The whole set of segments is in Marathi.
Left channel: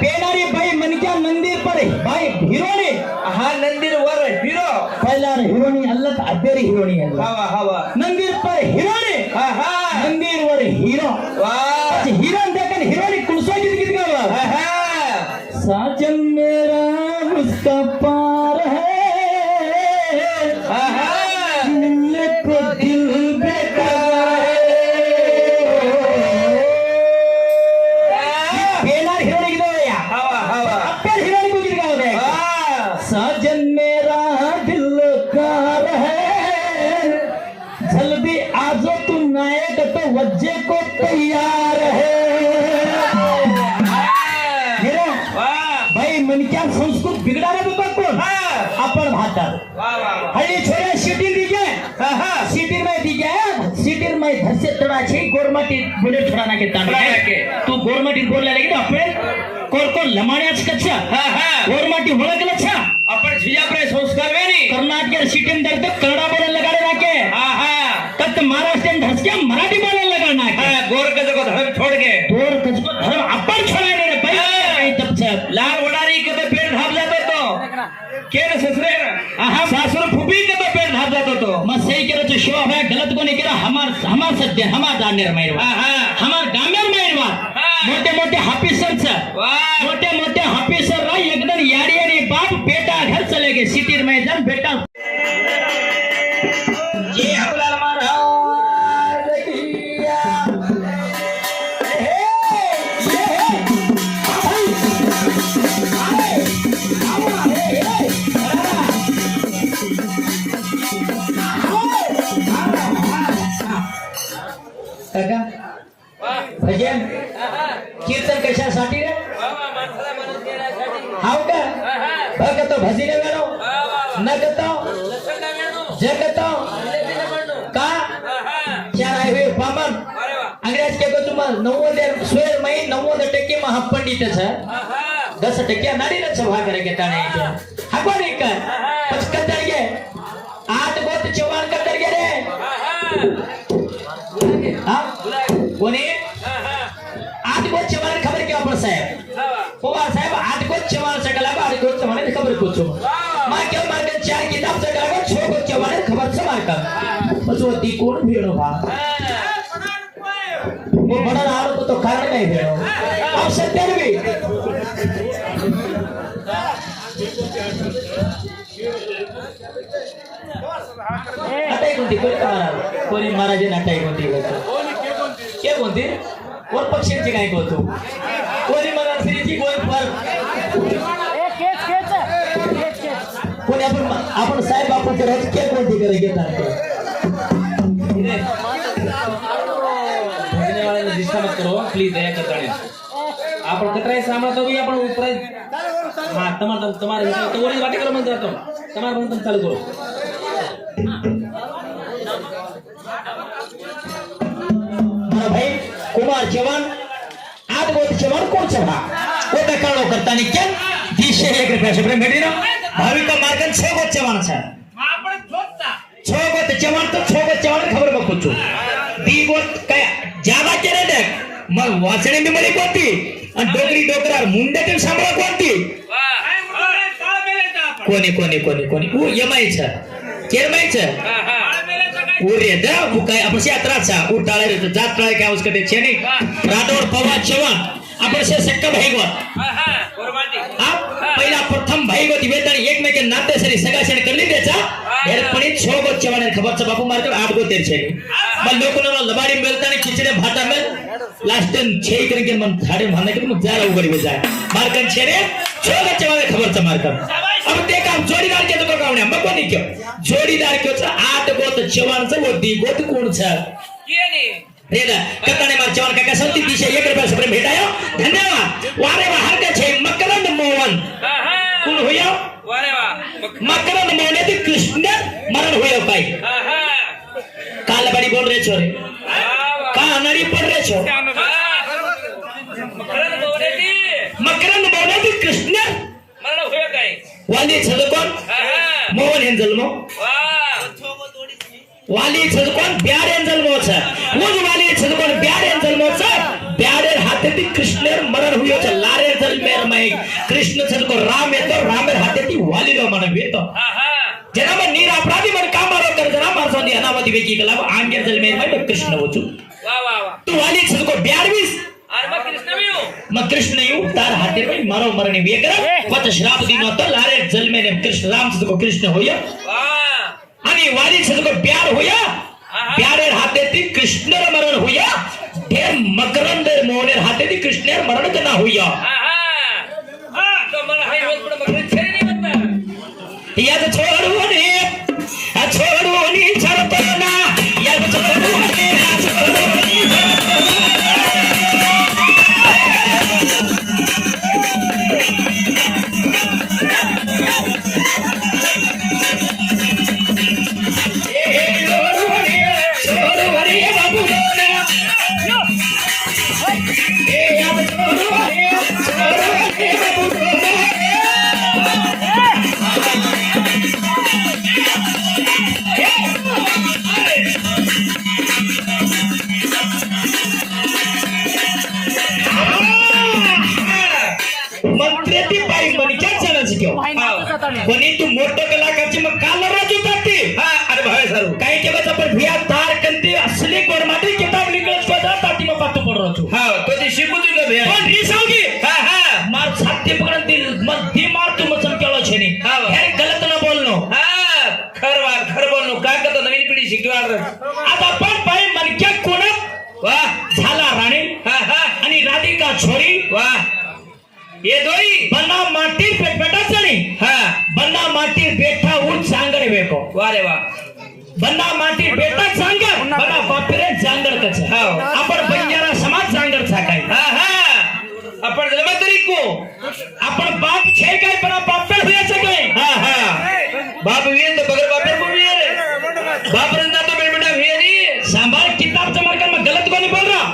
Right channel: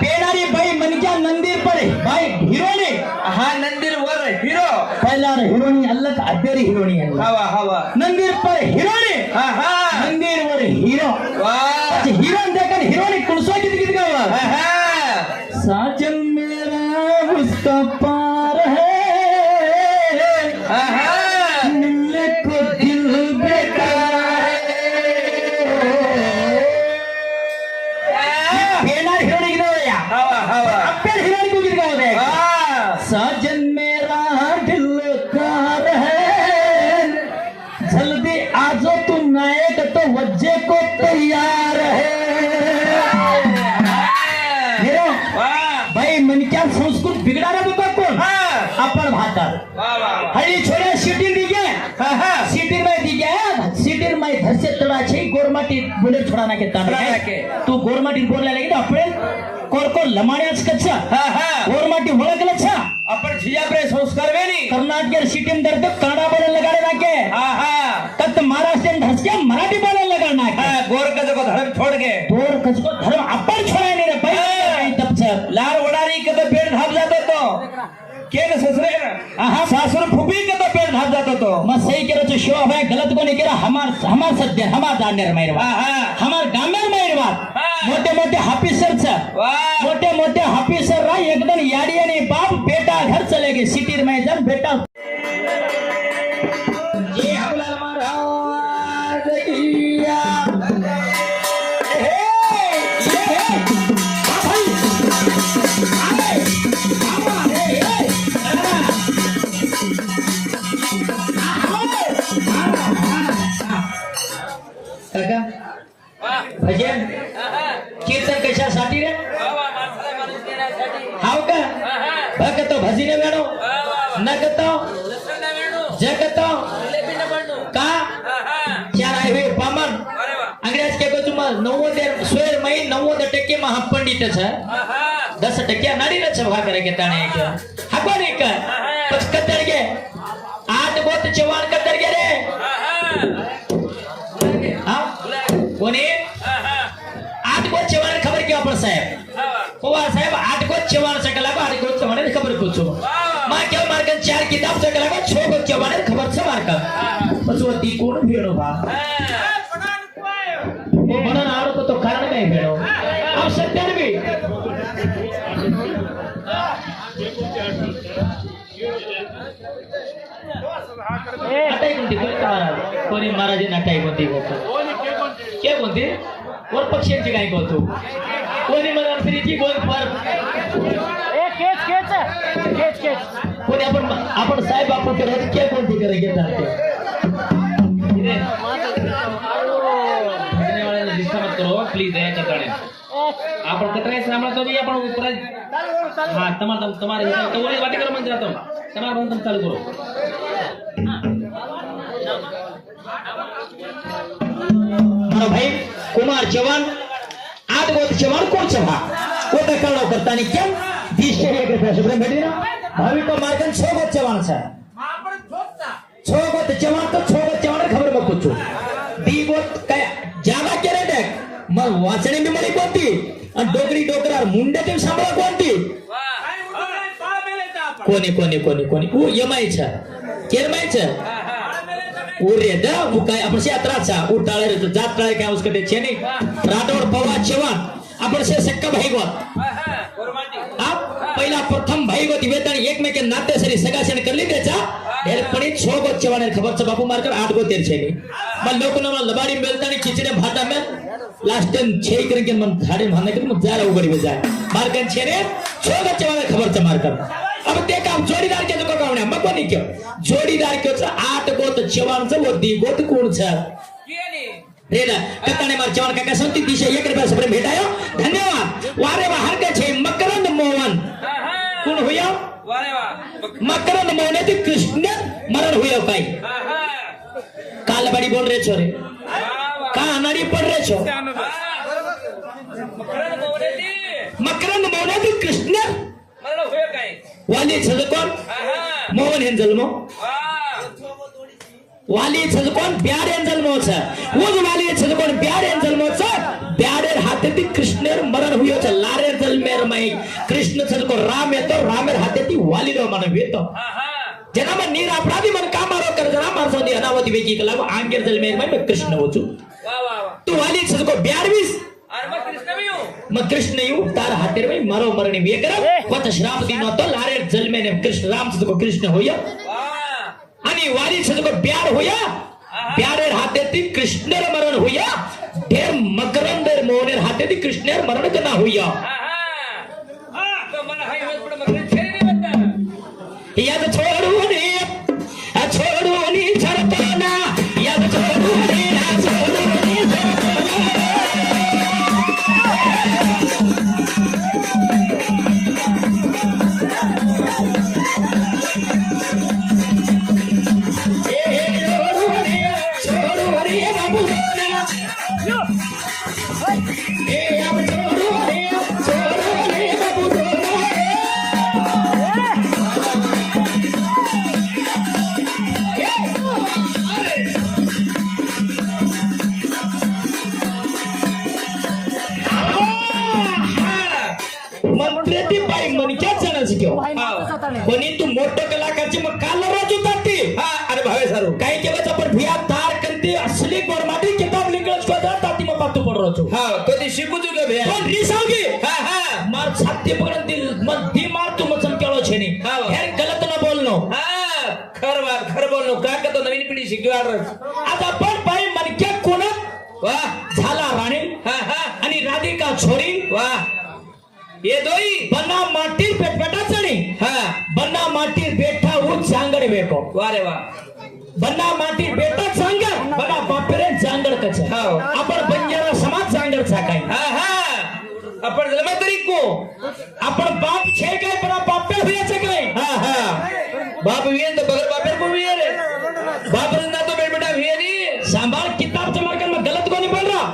पेडारी बाई मनक्या नंदीर पडे बाई हिरोणी हा नंदीर वर हिरो पहिला हिरोणी अल्लत अब्बेरी हिरोणी हवा हवा नंदीर पर हिरोणी हा हा नंदीर वर हिरो वाह हिरोन देखन हिरोणी कुणसो गीत गीत गावा हा हा साजन मेरा उसका पार है हा हा दिल को दिल बेकार है पेडारी हिरोणी गीत हवा हवा अब्बेरी हिरोणी को गीत गावा वाह साजन मेरा दिल कार है जल्दी आजो तू नायक तो वज्जे को तैयार है भाई मन क्या संस्कृत बिगड़ाना तो कोण आपण भातात हळी छोऱ्या सिटी दिगे सिटी में दिगे सिटी में धसे तडाचे गोरमाटी बुलेट छोडाना के तांबे तू गोरमाटी बोलला लगे आपण कोण लमाड्याच कच्चा गोरमाटी ओळखला छा आपण जिजाप्रे संस्कार वेणी कर्नाटक सिटी में दर्द कन्नडा बोलायला लगाडे नाके तत महाराष्ट्र में धसके मराठी बोलायला लगा नाके गोर कदो को धर्म छोड़ के गोर कसको धर्म आपण छोडायने रे भाई काही तपचा लाल उडारी कदो पेड़ धाप जातो तो केर ससरे सासुर फुबी कदो पेड़ धाप जातो तो मग सही केलं तो शो है गलत कोणी केला हमार सध्या हमार दानेर मायरवा हमार डामेर मायरवा मोठे मोठे ऑफिसरचा मोठे मोठे ऑफिसर रा एकदम याडी याडी बाप बेटा घर चले गए सिटी में जन बेटा जे आपल्याला महाराज किया काका भजन कीर्तन कशासाठी रे हाव का भगतो भजन गाणो नगतो जगतो का क्या आहे पामन अंग्रेज के तो तुम 90 स्वेर मई 90% में हम पंडित छ 10% नाडी न छ भाग रे ताणे हाको रे का पछ कतर गे 8 गोत चवान कतर गे रे हां कोणी 8 गोत चवान खबर क्या अपन साहेब कोवा साहेब 8 गोत चवान सकला 8 गोत चवान खबर पूछो मा क्या मार्गन 4 किताब सकला 6 गोत चवान खबर से मार का पछो ती कोण भेड़ो बा वो बड़ा आरो को तो कारण नहीं भेड़ो और सत्य भी नटाई कोणती कोणी महाराज नटाई कोणती के कोणती कोण पक्षांची काय बोलतो कोणी मला फ्रीची कोण पर कोणी आपण साहेब आपण करायची के कोणती करे घेतात भजने वाल्याला डिस्टर्ब करो प्लीज दया कताळे आपण कतराय सामना तो आपण ऊपर हां तुम्हारे तो वाली बातें करो मैं जाता हूं तुम्हारा बंद चालू करो भाई कुमार जवान 8 गोत जवान कोण सभा कोटा काढो करतानी केम 201 रुपया शुक्र भेटी ना भाविका मार्गन 6 गोत जवान छ आपण ठोकता 6 गोत जवान तो 6 गोत जवान खबर बघतो दी गोत काय जागा केले देख मग वाचणे मी मरी कोणती आणि डोकरी डोकरार मुंड्यातील सांभाळ कोणती कोणी कोणी कोणी कोणी उ यमायचा केरमायचा उरे दा काय आपण यात्राचा उटाळे रे जात टाळे काय उसके ते छेनी राठौर पवार जवान आपण से सक्का भाईगोत आप पहिला प्रथम भाईगोत वेतन एकमेक नाते सरी सगाशण करली त्याचा हेरपणी 6 गोत जवान खबरचा बापू मारकर 8 गोत तेर छेनी मग लोकना लबाडी मिळताना खिचडे भाता में लास्ट छे करके मन थाड़े मारने के मुझे जाए उगड़ी में जाए मारकन छेरे छोड़ चवाले खबर से मारकन अब ते काम जोड़ीदार के तो गावण्या मग कोणी क्यों जोड़ीदार क्यों छ 8 गोत जवान छ वो दी गोत कोण छ केने रेला कताने मार जवान काका संती दिशे 1 रुपया से प्रेम भेटायो धन्यवाद वारे वा हर के छे मकरंद मोहन कोण होयो वारे वा मकरंद मोहन ते कृष्ण मरण होयो काय काल बड़ी बोल रहे छोरे का अनाड़ी पड़ रहे छो मकरंद बोले ती कृष्ण मला होय काय वाली छल कोण मोहन हेन जन्मो वाली छल कोण प्यार हेन जन्मो छ वो जो वाली छल कोण प्यार हेन जन्मो छ प्यारे हाथे ती कृष्ण मरण हुयो छ लारे जन्मेर मै कृष्ण छल को राम येतो रामेर हाथे ती वाली रो मन वेतो जना में नीर अपराधी मन कामारो कर जरा मार सोंदी अनावती वेकी कला आंगे जन्मेर मै कृष्ण होचू वाह वाह वाह तू वाली छल को प्यार बीस अरे मग कृष्ण मी हूं मग कृष्ण यू तार हाते में मारो मरणी वेकर पत श्राप दिन तो लारे जन्मे ने कृष्ण राम से को कृष्ण होया वाह आणि वाली से को प्यार होया प्यारे हाते ती कृष्ण मरण होया ढेर मकरंद मोहने हाते ती कृष्ण मरण कना होया तो मला हाय होत पण मग छे नाही म्हणता या तो छोडूनी सरपना या तो छोडूनी कोणी तू मोठं कलाकारची मग काल राजू जाते अरे भावे सारू काही केलं आपण भिया तार कंती असली कोण मात्र किताब लिखत स्वतः ताती मग पातो पड राहतो तो ते शिकू तुझं भैया पण रिसावगी मार छाती पकडून ती मध्य मार तू मचम केलो छेनी हे गलत ना बोलनो खर बोलनो काय करतो नवीन पिढी शिकवार आता पण पाय मनक्या कोण वाह झाला राणी आणि राधिका छोरी वाह ये दोई बंदा माटी पेटा चली बंदा माटी बेटा उठ सांगड़ बेको वारे वा बंदा माटी बेटा सांगड़ बंदा बापरे सांगड़ कछ आपण बंजारा समाज सांगड़ छाकाय आपण जमा तरी को आपण बाप छे काय पण बापर होयाचे काय बाप विये तो बगर बापर को विये रे बाप रंदा तो बेटा विये नी सांभाळ किताब जमा कर मैं गलत कोनी बोल रहा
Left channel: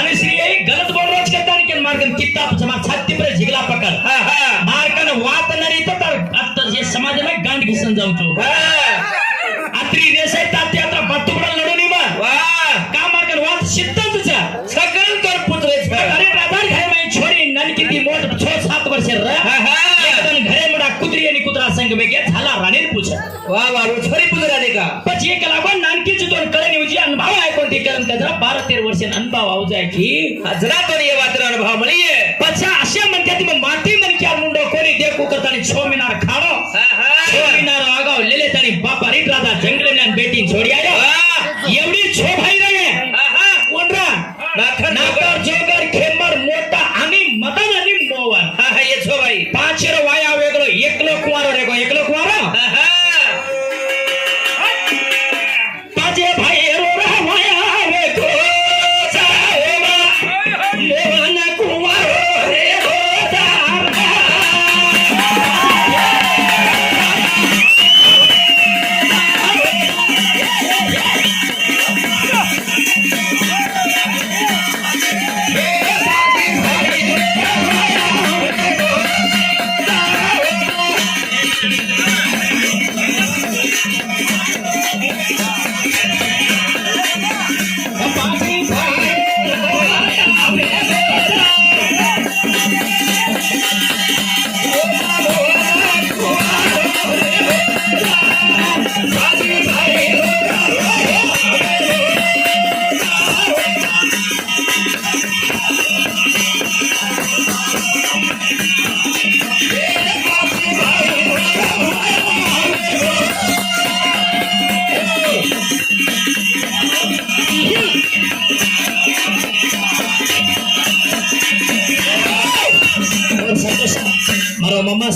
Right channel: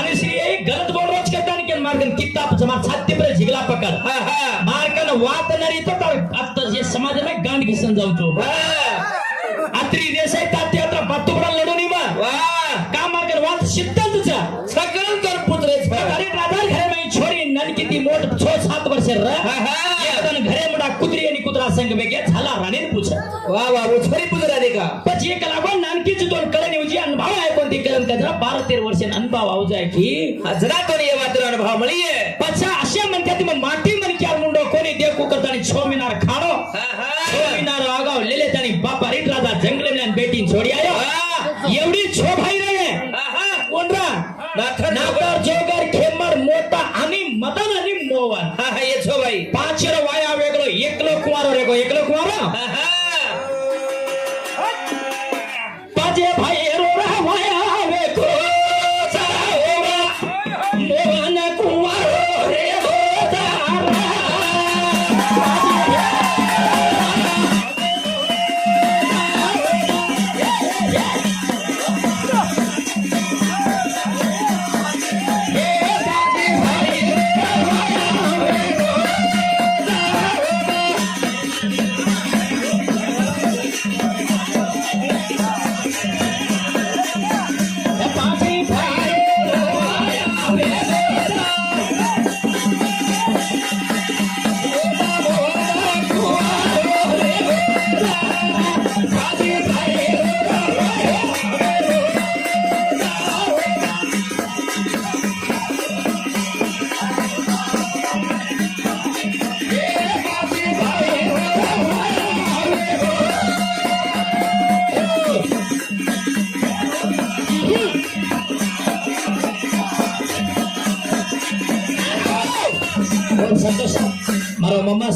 आणि श्री यही गलत बोल रहा करता नहीं के मार्गन किताब जमा छाती पर झिगला पकड़ मार्गन वात नरी तो तर आता ये समाज में गांड घिसन जाऊ तो अत्री देसाई ताती अत्र बत्तुबडा लडोनी बा का मार्गन वात सिद्धांतचा सकल तर पुत्र अरे राधार घरे में छोरी ननकी ती मोठ 6-7 वर्ष एकदम घरे मुडा कुत्री आणि कुत्रा संग में गे झाला राणीर पूछा वाह वाह वो छोरी पुत्र आले का પછી એક લાવણ નાનકી જ તોન કરે નિવજી અનુભવ આય કોંતી કરન કજરા 12-13 વર્ષે અનુભવ આવ જાય की हजरा तो ये बात अनुभव મળીએ પછી આશા મન ती माटी मन क्या मुंडो कोणी देखू करतानी 6 मिनार खाणो 6 मिनार आगाव लेले तानी बापा रीत राजा जंगले ने बेटी छोड़ी आयो एवढी 6 भाई रहे कोणरा नाकर जोगर खेमर मोटा आणि मदन आणि मोवन ये 6 भाई 5 रो वाया वेगळो एकलो कुवारो रेगो एकलो कुवारो पाजे भाई रो वाया वेगो मोवन कुवारो रे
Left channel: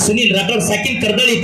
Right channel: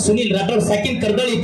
सुनील राठोड साकीन कर्दळी